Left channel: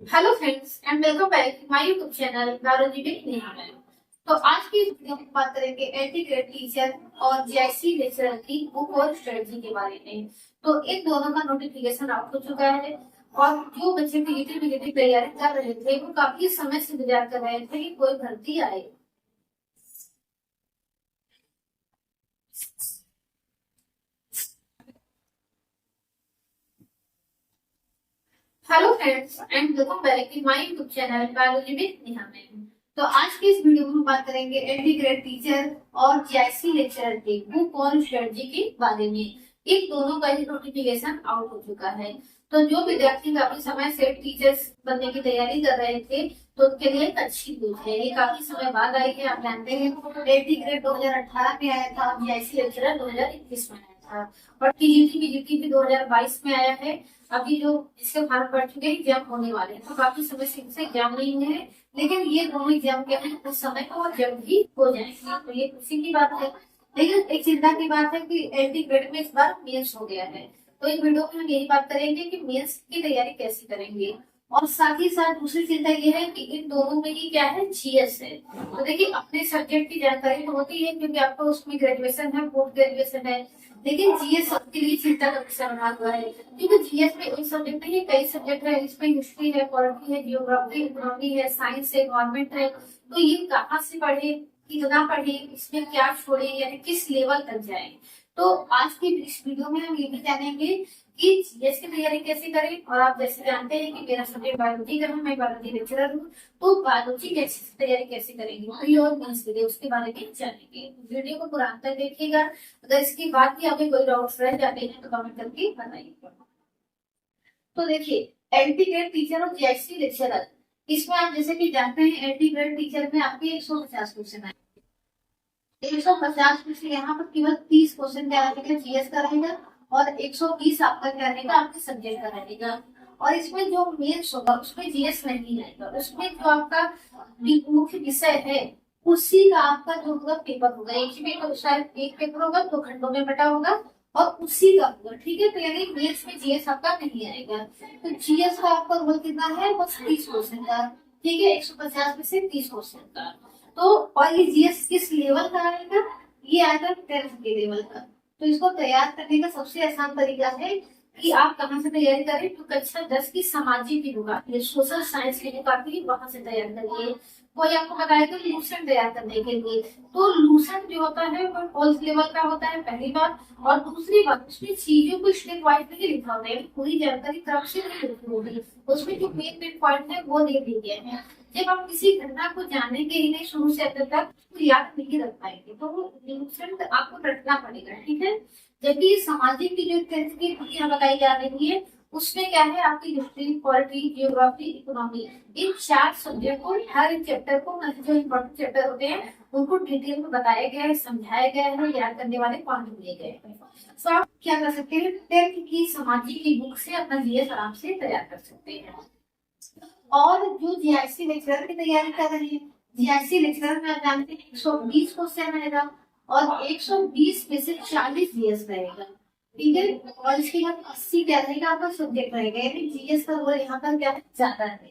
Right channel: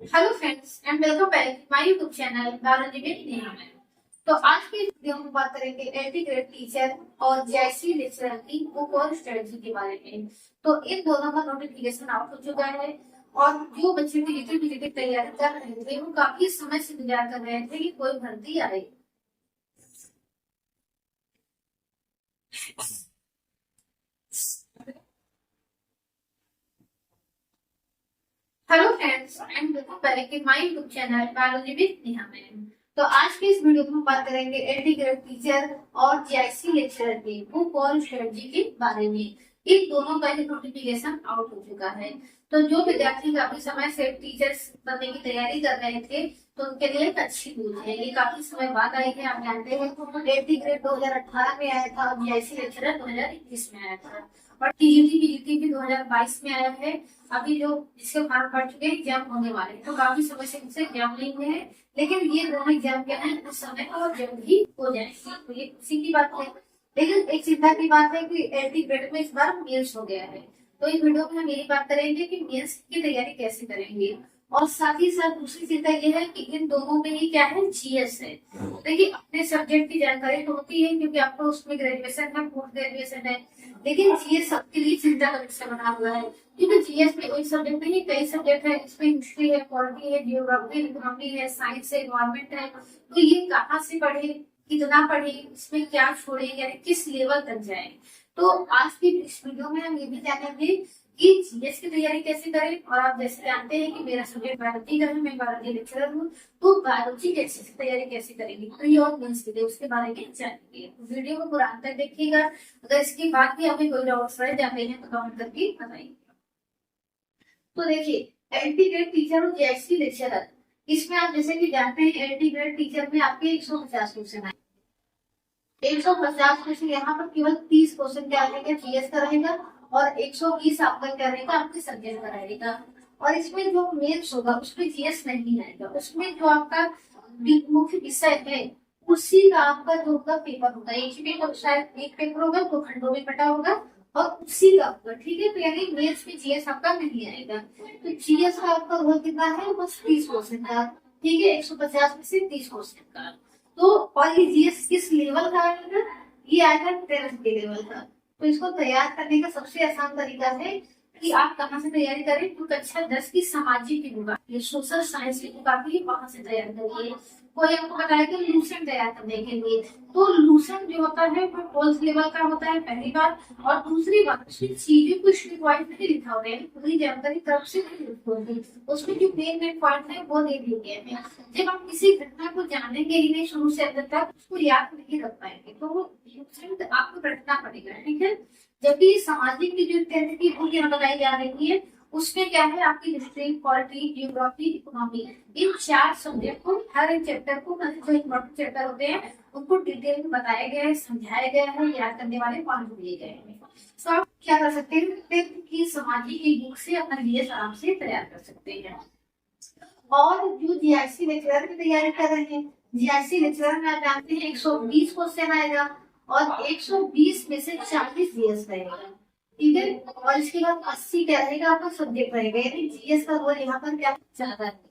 Hello friends and welcome back my YouTube channel biology with Neha ma'am. तो आज की इस वीडियो में बात करेंगे एंटी ग्रेड टीचर और जेआईसी लेक्चरर की बुक और स्ट्रेटजी के बारे में। तो इन दोनों का नोटिफिकेशन आउट हो चुका है और जो बच्चे पीजीटी तैयारी कर रहे थे वो काफी समय से इंतजार कर रहे थे कि कोई भर्ती आए। Hello friends and welcome back in my YouTube channel biology with Neha ma'am. तो आज की इस वीडियो में हम बात करेंगे एंटी ग्रेड टीचर और जेआईसी लेक्चरर के बुक और स्ट्रेटजी के बारे में। इन दोनों का ही नोटिफिकेशन आउट हो चुका है। तो जो विद्यार्थी काफी समय से टीचर्स बनने की तैयारी कर रहे थे तो उनके लिए एक अच्छी न्यूज है। ये काफी समय बाद आई है। आप जानते हैं एंटी ग्रेड 2018 में आया था और जेआईसी लेक्चरर 2021 में आया था और पीजीटी भी 2022 में आया है। अभी जो इसके फॉर्म पड़ चुके हैं एग्जाम होने वाले हैं, तो काफी समय से इनसे एग्जाम नहीं हुए हैं, लेकिन ये दोनों एग्जाम क्या है उस समय और जल्द ही हो जाएंगे। तो ये खुशी की बात है। लेकिन एक चिंता की बात है कि एंटी ग्रेड में इस बार मेंस हो गया है। तो इस वीडियो में हम यही बात करेंगे कि मेंस की तैयारी कैसे करेंगे। और साथ ही साथ दूसरी चिंता ये है कि इन दोनों में ही क्या है जीएस है। तो देखिए अपने सब्जेक्ट की जानकारी तो होती है क्योंकि आपको उसमें ग्रेजुएशन है, पोस्ट ग्रेजुएशन है, लेकिन जीएस सबके लिए चिंता का विषय बना हुआ है क्योंकि जीएस में एक सब्जेक्ट नहीं कई सब्जेक्ट है। इसमें हिस्ट्री है, पॉलिटी है, जियोग्राफी, इकोनॉमी है, साइंस है, इन्वायरमेंट है। तो ये कहाँ से पढ़े, कितना पढ़े, इसमें क्या छोड़े, यानी किस लेवल तक जाए। तो आज की इस वीडियो में हम ये भी जानेंगे कि जीएस की तैयारी कैसे करें। और आप जैसे जानते हैं कि मेरा सब्जेक्ट बायोलॉजी का है, मैं बायोलॉजी लेक्चरर हूँ। तो बायोलॉजी कैसे प्रिपरेशन कैसे करेंगे प्री और मेंस के लिए उसके बारे में जानेंगे। तो वीडियो को पूरा अंत तक देखिएगा। अगर इसके बाद भी हमें कोई डाउट्स रह जाते हैं तो कमेंट करके बताइए। तो देखिए एंटी ग्रेड टीचर और जेआईसी लेक्चरर, इसमें आप जैसे कि जानते हैं एंटी ग्रेड टीचर में आपके 150 क्वेश्चन आए। 150 क्वेश्चन यहाँ पर केवल 30 क्वेश्चन क्या रहेगा जीएस का रहेगा और 120 आपका क्या रहेगा आपके सब्जेक्ट का रहेगा। और इसमें जो मेंस होगा उसमें जीएस नहीं आएगा। उसमें जो आपका मुख्य विषय है उसी का आपका जो होगा पेपर होगा। एक ही पेपर, शायद एक पेपर होगा 2 खंडों में बटा होगा और उसी का होगा। ठीक है, तो यानी मेंस में जीएस आपका नहीं आएगा। तो जीएस का आपका रोल कितना है, बस 30 क्वेश्चन का। ठीक है, 150 में से 30 क्वेश्चन का। तो और ये जीएस किस लेवल का आएगा, ये आएगा 10th के लेवल का। तो इसको तैयार करने का सबसे आसान तरीका है कि आप कहाँ से तैयारी करें। तो कक्षा 10 की सामाजिक की बुक आती है, सोशल साइंस की बुक आती है, वहां से तैयार करिए। कोई आपको बताया कि लूसेंट तैयार करने के लिए, तो लूसेंट जो होता है वो 12th लेवल का होता है, पहली बात। और दूसरी बात उसमें चीजों को स्टेप वाइज नहीं लिखा होता है, पूरी जानकारी क्रम से नहीं लिखी होती। उसमें जो मेन मेन पॉइंट है वो नहीं दिए गए हैं। जब आप किसी घटना को जानेंगे ही नहीं शुरू से अंत तक, उसको याद नहीं रख पाएंगे, तो वो इन्फ्लुएंस आपको रखना पड़ेगा। ठीक है, जबकि सामाजिक की जो 10th की बुक यहाँ बताई जा रही है उसमें क्या है आपकी हिस्ट्री, पॉलिटी, जियोग्राफी, इकोनॉमी, इन 4 सब्जेक्ट को, हर एक चैप्टर को, जो इम्पोर्टेंट चैप्टर होते हैं उनको डिटेल में बताया गया है, समझाया गया है, याद करने वाले पॉइंट दिए गए हैं। तो आप क्या कर सकते हैं, 10th की सामाजिक की बुक से अपना जीएस आराम से तैयार कर सकते हैं। और जो जीआईसी लेक्चरर की तैयारी कर रहे हैं, जीआईसी लेक्चरर में आप जानते हैं 120 क्वेश्चन आएगा और 120 में से 40 जीएस रहेगा। ठीक है, और इसके बाद 80 क्या रहेगा आपका सब्जेक्ट रहेगा, यानी जीएस का रोल यहाँ पर क्या ज्यादा है।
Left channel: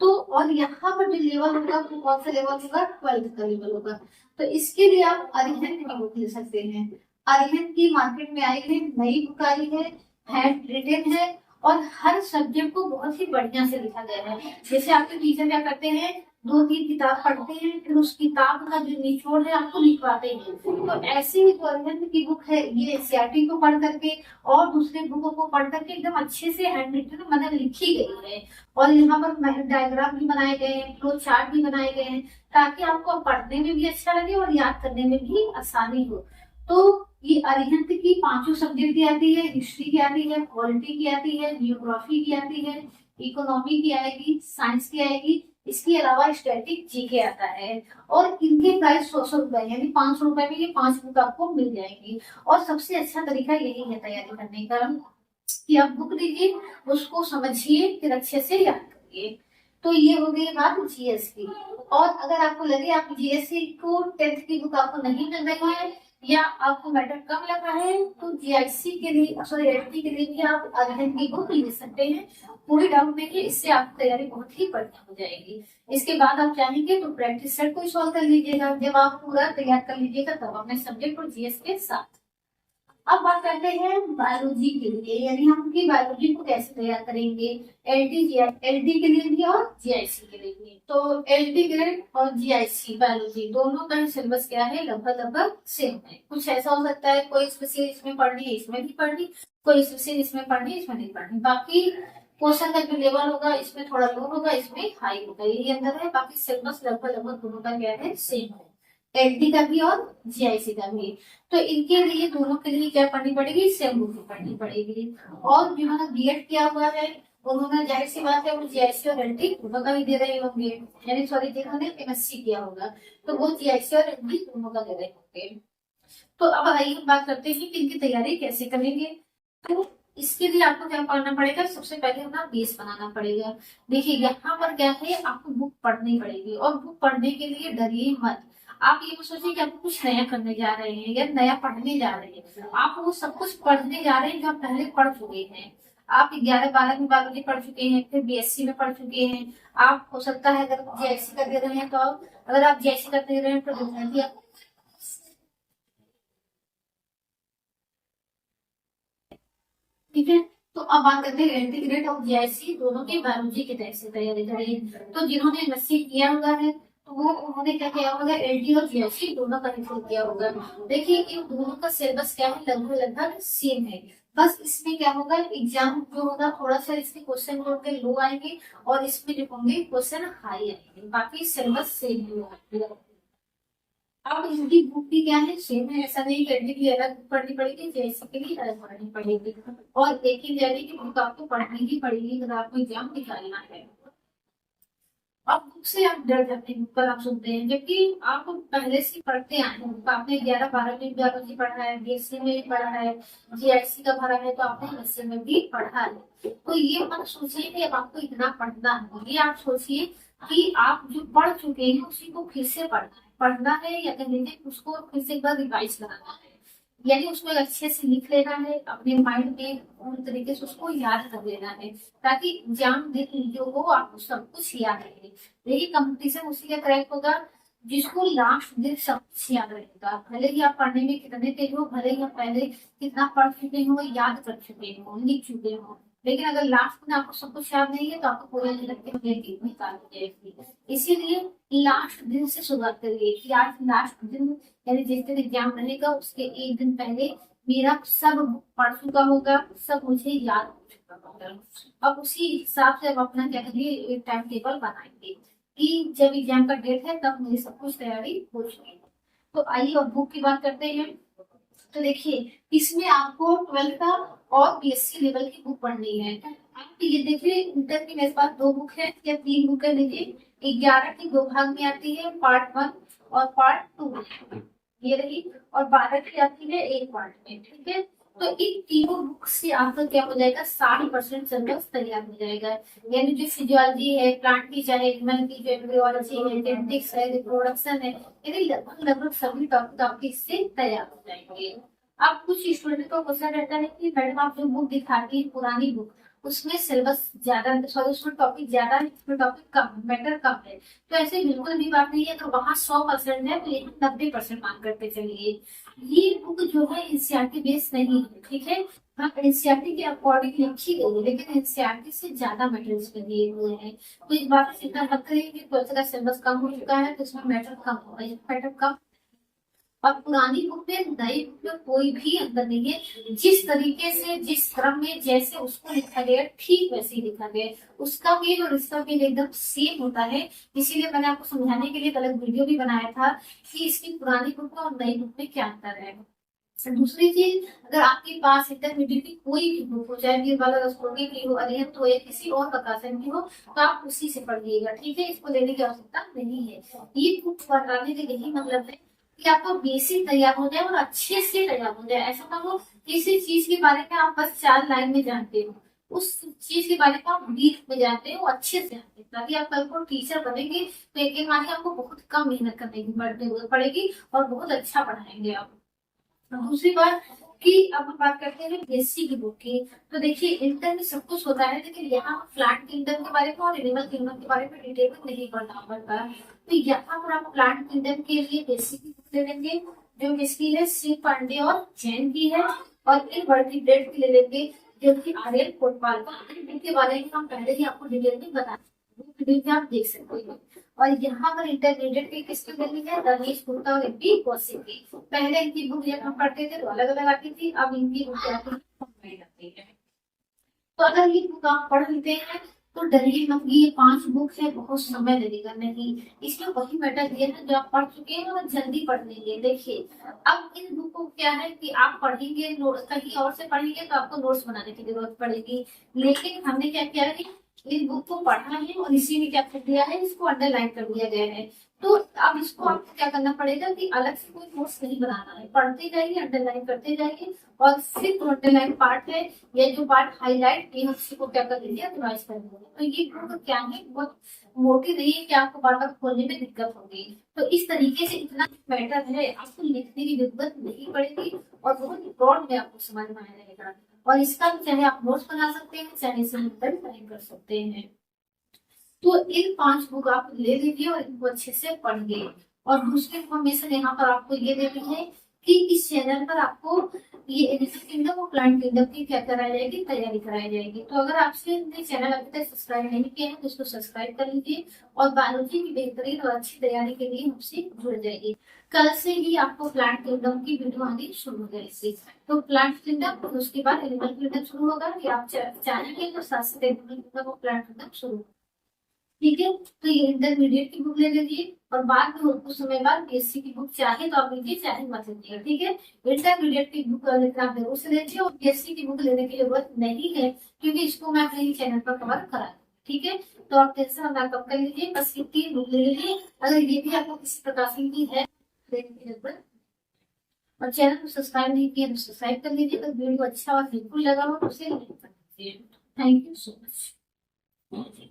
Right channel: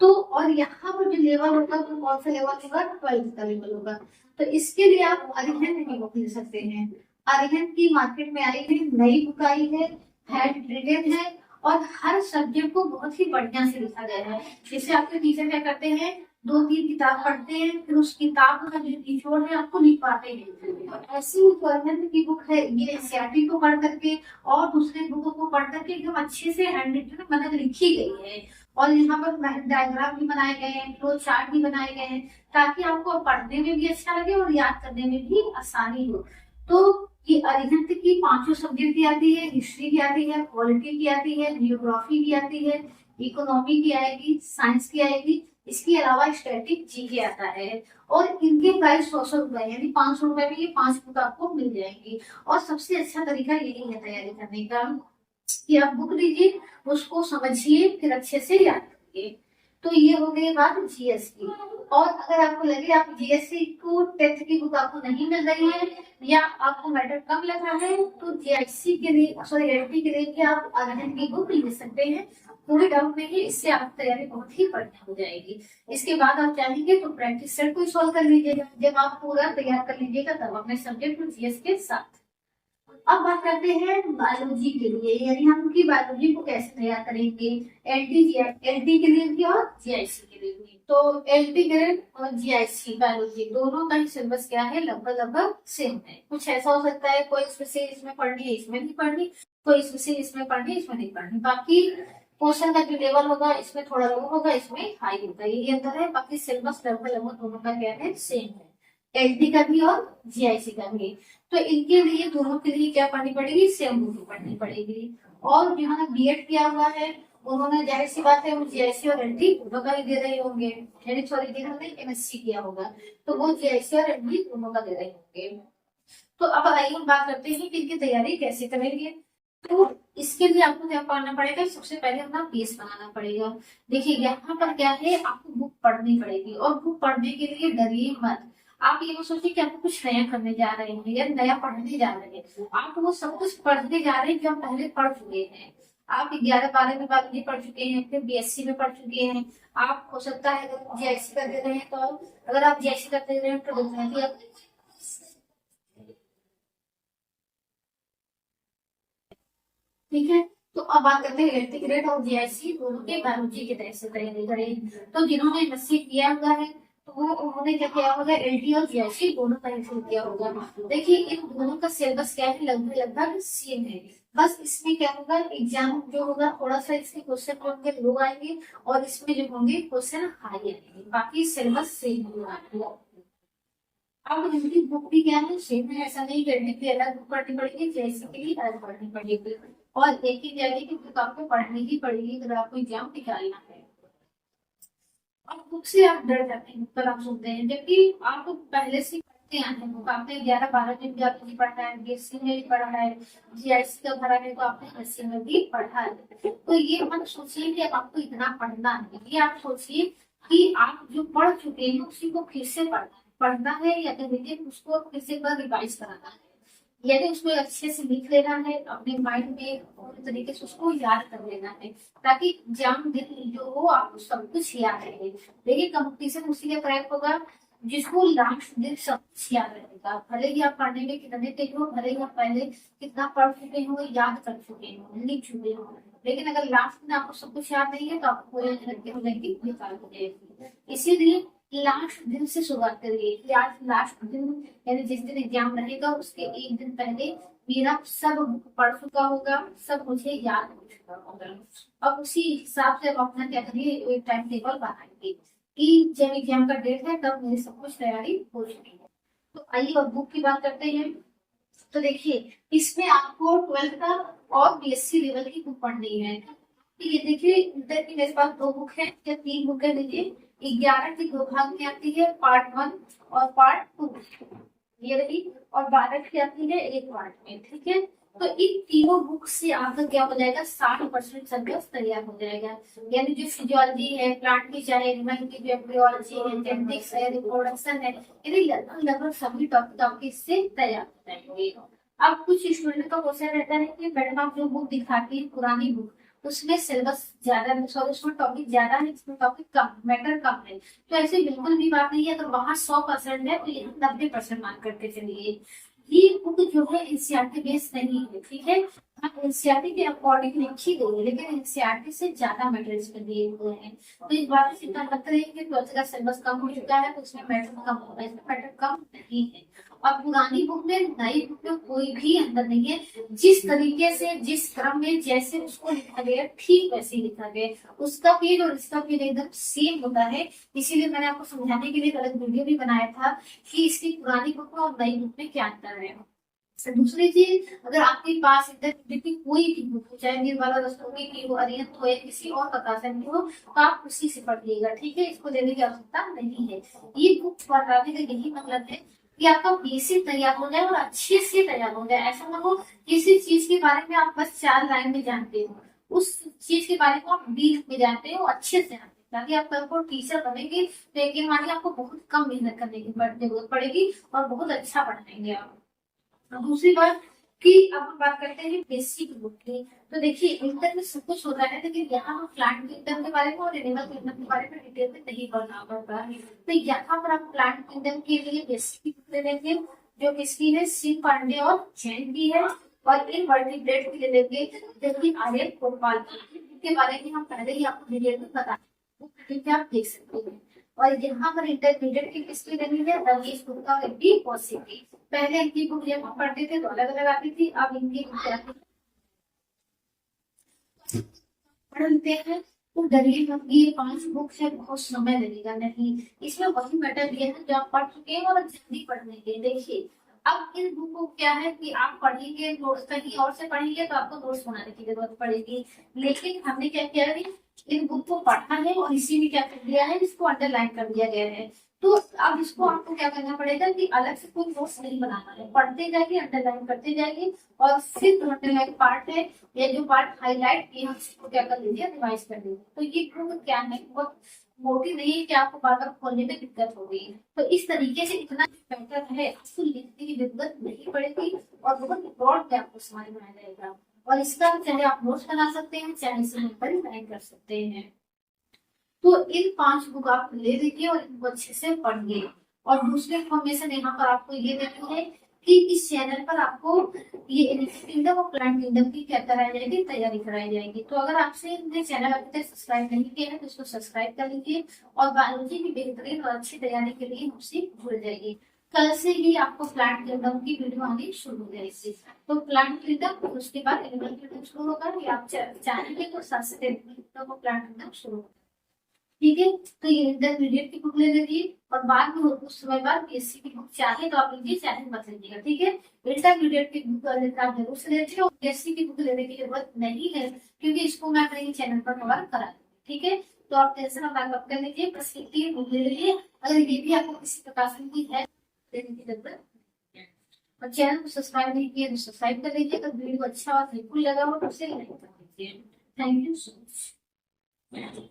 तो और यहाँ पर जो लेवल होगा वो कौन सा लेवल होगा, 12th का लेवल होगा। तो इसके लिए आप अरिहंत की बुक ले सकते हैं। अरिहंत की मार्केट में आई है, नई बुक आई है, हैंड रिटेन है और हर सब्जेक्ट को बहुत ही बढ़िया से लिखा गया है। जैसे आपके टीचर क्या करते हैं, 2-3 किताब पढ़ते हैं, फिर उस किताब का जो निचोड़ है आपको लिखवाते हैं। तो ऐसे ही जो अरिहंत की बुक है ये एनसीईआरटी को पढ़ करके और दूसरे बुकों को पढ़ करके एकदम अच्छे से हैंड रिटन मतलब लिखी गई है। और यहाँ पर डायग्राम भी बनाए गए हैं, फ्लो चार्ट भी बनाए गए हैं, ताकि आपको पढ़ने में भी अच्छा लगे और याद करने में भी आसानी हो। तो ये अरिहंत की 5 सब्जेक्ट की आती है, हिस्ट्री की आती है, पॉलिटी की आती है, जियोग्राफी की आती है, इकोनॉमी की आएगी, साइंस की आएगी। इसके अलावा स्टैटिक जीके आता है और इनके प्राइस 100 रुपए, यानी 500 रुपए में ये 5 बुक आपको मिल जाएंगी। और सबसे अच्छा तरीका यही है तैयारी करने का कि आप बुक लीजिए, उसको समझिए, फिर अच्छे से याद करिए। तो ये हो गई बात जीएस की। और अगर आपको लगे आप जीएससी को 10th की बुक आपको नहीं मिल रही है या आपको मैटर कम लगा है तो जीआईसी के लिए, सॉरी एलटी के लिए भी आप अरिहंत की बुक ले सकते हैं। कोई डाउट नहीं है, इससे आपकी तैयारी बहुत ही बढ़िया हो जाएगी। इसके बाद आप चाहेंगे तो प्रैक्टिस सेट को सॉल्व कर लीजिएगा। जब आप पूरा तैयार कर लीजिएगा तब अपने सब्जेक्ट और जीएस के साथ। अब बात करते हैं बायोलॉजी के लिए, यानी हम उनकी बायोलॉजी को कैसे तैयार करेंगे, एलटी के लिए भी और जीआईसी के लिए भी। तो एलटी ग्रेड और जीआईसी बायोलॉजी दोनों का ही सिलेबस क्या है, लगभग लगभग सेम है। कुछ ऐसा हो सकता है कोई स्पेशल इसमें पढ़नी है इसमें नहीं पढ़नी, कोई स्पेशल इसमें पढ़नी है इसमें नहीं पढ़नी। बाकी क्वेश्चन का जो लेवल होगा इसमें थोड़ा लो होगा इसमें हाई होगा, यही अंतर है। बाकी सिलेबस लगभग लगभग दोनों का क्या है, सेम है, एलटी का भी और जीआईसी का भी। तो इनके लिए दोनों के लिए क्या पढ़नी पड़ेगी, सेम बुक पढ़नी पड़ेगी। और जिन्होंने बीएड किया हुआ है उन्होंने जाहिर सी बात है वो जीआईसी और एलटी दोनों का ही दे रहे होंगे, यानी सॉरी जिन्होंने एमएससी किया होगा तो वो जीआईसी और एलटी दोनों का दे रहे होंगे। तो अब आइए हम बात करते हैं कि इनकी तैयारी कैसे करेंगे। तो इसके लिए आपको क्या करना पड़ेगा, सबसे पहले अपना बेस बनाना पड़ेगा। देखिए यहाँ पर क्या है, आपको बुक पढ़नी पड़ेगी और बुक पढ़ने के लिए डरिए मत। आप ये मत सोचिए कि आप कुछ नया करने जा रहे हैं या नया पढ़ने जा रहे हैं, आप वो सब कुछ पढ़ने जा रहे हैं जो आप पहले पढ़ चुके हैं। आप 11-12 में बायोलॉजी पढ़ चुके हैं, फिर बीएससी में पढ़ चुके हैं। आप हो सकता है अगर जीआईसी का दे रहे हैं तो अगर आप जीआईसी का दे रहे हैं तो डेफिनेटली आप ठीक है। तो अब बात करते हैं एलटी ग्रेड और जीआईसी दोनों के बायोलॉजी की तरह से तैयारी करें। तो जिन्होंने एमएससी किया हुआ है तो वो उन्होंने क्या किया होगा, एलटी और जीआईसी दोनों का ही किया होगा। देखिए इन दोनों का सिलेबस क्या है, लगभग लगभग सेम है। बस इसमें क्या होगा, एग्जाम जो होगा थोड़ा सा इसके क्वेश्चन जो होंगे लो आएंगे और इसमें जो होंगे क्वेश्चन हाई आएंगे, बाकी सिलेबस सेम होगा। अब इनकी बुक भी क्या है, सेम है। ऐसा नहीं करने के लिए अलग बुक पढ़नी पड़ेगी, जैसे के लिए अलग पढ़नी पड़ेगी। और एक ही जगह की बुक आपको पढ़नी ही पड़ेगी अगर आपको एग्जाम निकालना है। अब बुक से आप डर जाते हैं, बुक पर आप सुनते हैं, जबकि आप पहले से पढ़ते आए हैं बुक। आपने 11-12 में बायोलॉजी पढ़ा है, बीएससी में भी पढ़ा है, जीआईसी का भरा है तो आपने एमएससी में भी पढ़ा है। तो ये मत सोचिए कि आपको इतना पढ़ना है, ये आप सोचिए कि आप जो पढ़ चुके हैं उसी को फिर से पढ़ना है या कह लीजिए उसको फिर से एक बार रिवाइज कराना है। यानी उसको अच्छे से लिख लेना है, अपने माइंड में पूरी तरीके से उसको याद कर लेना है, ताकि एग्जाम दिन जो हो आपको सब कुछ याद रहे। देखिए कंपटीशन उसी का क्रैक होगा जिसको लास्ट दिन सब कुछ याद रहेगा। भले ही आप पढ़ने में कितने तेज हो, भले ही आप पहले कितना पढ़ चुके हो, याद कर चुके हो, लिख चुके हो, लेकिन अगर लास्ट में आपको सब कुछ याद नहीं है तो आपको पूरी मेहनत निकाल हो जाएगी। इसीलिए लास्ट दिन से शुरुआत करिए कि आज लास्ट दिन, यानी जिस दिन एग्जाम रहेगा उसके एक दिन पहले मेरा सब बुक पढ़ चुका होगा, सब मुझे याद हो चुका होगा। अब उसी हिसाब से हम अपना क्या करिए, एक टाइम टेबल बनाएंगे कि जब एग्जाम का डेट है तब मेरी सब कुछ तैयारी हो चुकी है। तो आइए अब बुक की बात करते हैं। तो देखिए इसमें आपको 12th का और बीएससी लेवल की बुक पढ़नी है। आप ये देखिए इंटर की मेरे पास 2 बुक है या 3 बुक है, लीजिए 11 की 2 भाग में आती है, पार्ट 1 और पार्ट 2 ये रही, और 12 की आती है एक पार्ट में, ठीक है। तो इन तीनों बुक से आपका क्या हो जाएगा, 60% सिलेबस तैयार हो जाएगा। यानी जो फिजियोलॉजी है, प्लांट की चाहे एनिमल की, जो एम्ब्रियोलॉजी है, जेनेटिक्स है, रिप्रोडक्शन है, यानी लगभग लगभग सभी टॉपिक आपके इससे तैयार हो जाएंगे। अब कुछ स्टूडेंट का क्वेश्चन रहता है कि मैडम आप जो बुक दिखाती है पुरानी बुक, उसमें सिलेबस ज्यादा, सॉरी उसमें टॉपिक ज्यादा है, इसमें टॉपिक कम, मैटर कम है। तो ऐसे बिल्कुल भी बात नहीं है, अगर वहाँ 100% है तो यहाँ 90% मान करके चलिए। ये बुक जो है एनसीईआरटी बेस नहीं है, ठीक है। हाँ एनसीईआरटी के अकॉर्डिंग लिखी गई है, लेकिन एनसीईआरटी से ज्यादा मैटर इसमें दिए हुए हैं। तो इस बात से चिंता मत करिए कि 12th का सिलेबस कम हो चुका है तो इसमें मैटर कम होगा, इसमें मैटर कम नहीं है। और पुरानी बुक में नई बुक में कोई भी अंतर नहीं है, जिस तरीके से जिस क्रम में जैसे उसको लिखा गया ठीक वैसे ही लिखा गया, उसका पेज और इसका पेज एकदम सेम होता है। इसीलिए मैंने आपको समझाने के लिए एक अलग वीडियो भी बनाया था कि इसकी पुरानी बुक में और नई बुक में क्या अंतर है। दूसरी चीज, अगर आपके पास इंटरमीडिएट की कोई भी बुक हो, चाहे निर्मला रस्तोगी की हो, अरिहंत हो या किसी और प्रकाशन की हो, तो आप उसी से पढ़िएगा, ठीक है। इसको लेने की आवश्यकता नहीं है। ये बुक पढ़ाने का यही मतलब है कि आपका बेसिक तैयार हो जाए और अच्छे से तैयार हो जाए। ऐसा ना हो किसी चीज के बारे में आप बस 4 लाइन में जानते हो, उस चीज के बारे में आप डीप में जानते हो, अच्छे से जानते हो, ताकि आप कल को टीचर बनेंगे तो यकीन मानिए आपको बहुत कम मेहनत करने की जरूरत पड़ेगी और बहुत अच्छा पढ़ाएंगे आप। दूसरी बात कि अब हम बात करते हैं बेसिक की बुक की। तो देखिए इंटर में सब कुछ होता है, लेकिन यहाँ हम प्लांट किंगडम के बारे में और एनिमल किंगडम के बारे में डिटेल में नहीं पढ़ना पड़ता है। तो यहाँ पर आप प्लांट किंगडम के लिए बेसिक की बुक ले लेंगे, जो किसकी है, सी पांडे और जैन की है। और इन वर्टिब्रेट की ले लेंगे, जो कि आर्यन कोटवाल की। इनके बारे में हम पहले ही आपको डिटेल में बता, वो वीडियो में आप देख सकते हैं। और यहाँ पर इंटरमीडिएट की किसकी लेनी है, रमेश गुप्ता और इनकी कौशिक की। पहले इनकी बुक जब हम पढ़ते थे तो अलग अलग आती थी, अब इनकी बुक आती है कंबाइंड आती है। तो अगर ये बुक आप पढ़ लेते हैं तो डरिए मत, ये 5 बुक है, बहुत समय लगेगा नहीं। इसमें वही मैटर दिया है जो आप पढ़ चुके हैं और जल्दी पढ़ लेंगे। देखिए अब इन बुक को क्या है कि आप पढ़ेंगे, कहीं और से पढ़ेंगे तो आपको नोट्स बनाने की जरूरत पड़ेगी। लेकिन हमने क्या किया है, इन बुक को पढ़ा है और इसी में क्या कर दिया है, इसको अंडरलाइन कर दिया गया है। तो अब इसको आपको क्या करना पड़ेगा कि अलग से कोई नोट्स नहीं बनाना है, पढ़ते जाइए, अंडरलाइन करते जाइए। और फिर जो अंडरलाइन पार्ट है या जो पार्ट हाईलाइट किए हैं उसी को क्या कर लीजिए, रिवाइज कर लीजिए। तो ये बुक क्या है, बहुत मोटी नहीं है कि आपको बार बार खोलने में दिक्कत होगी। तो इस तरीके से इतना मैटर है, आपको लिखने की जरूरत नहीं पड़ेगी और बहुत ब्रॉड में आपको समझ में आ जाएगा। और इसका चाहे आप नोट्स बना सकते हैं, चाहे इसे टाइप कर सकते हैं। तो इन 5 बुक आप ले लीजिए और इनको अच्छे से पढ़िए। और दूसरी इन्फॉर्मेशन यहाँ पर आपको ये देनी है कि इस चैनल पर आपको ये एनिमल किंगडम और प्लांट किंगडम की क्या कराई जाएगी, तैयारी कराई जाएगी। तो अगर आपसे ये चैनल अभी तक सब्सक्राइब नहीं किया है तो इसको सब्सक्राइब कर लीजिए और बायोलॉजी की बेहतरीन और अच्छी तैयारी के लिए हमसे जुड़ जाइए। कल से ही आपको प्लांट किंगडम की वीडियो आनी शुरू हो जाएगी। तो प्लांट किंगडम, उसके बाद एनिमल किंगडम शुरू होगा, या आप चाहेंगे तो साथ साथ एनिमल किंगडम और प्लांट किंगडम शुरू होगा। ठीक है, तो ये इंटरमीडिएट की बुक ले लीजिए और बाद में कुछ समय बाद बीएससी की बुक चाहे तो आप लीजिए, चाहे मत लीजिएगा। ठीक है, इंटरमीडिएट की बुक आप जरूर से लीजिए और बीएससी की बुक लेने की जरूरत नहीं है, क्योंकि इसको मैं अपने ही चैनल पर कवर करा दूंगी। ठीक है, तो आप टेंशन ना कम कर लीजिए, बस ये 3 बुक ले लीजिए। अगर ये भी आपको किसी प्रकाशन की है लेने की जरूरत नहीं है। और चैनल को सब्सक्राइब नहीं किया तो सब्सक्राइब कर लीजिए। अगर वीडियो अच्छा और हेल्पफुल लगा हो तो उसे लाइक कर दीजिए। Thank you so much.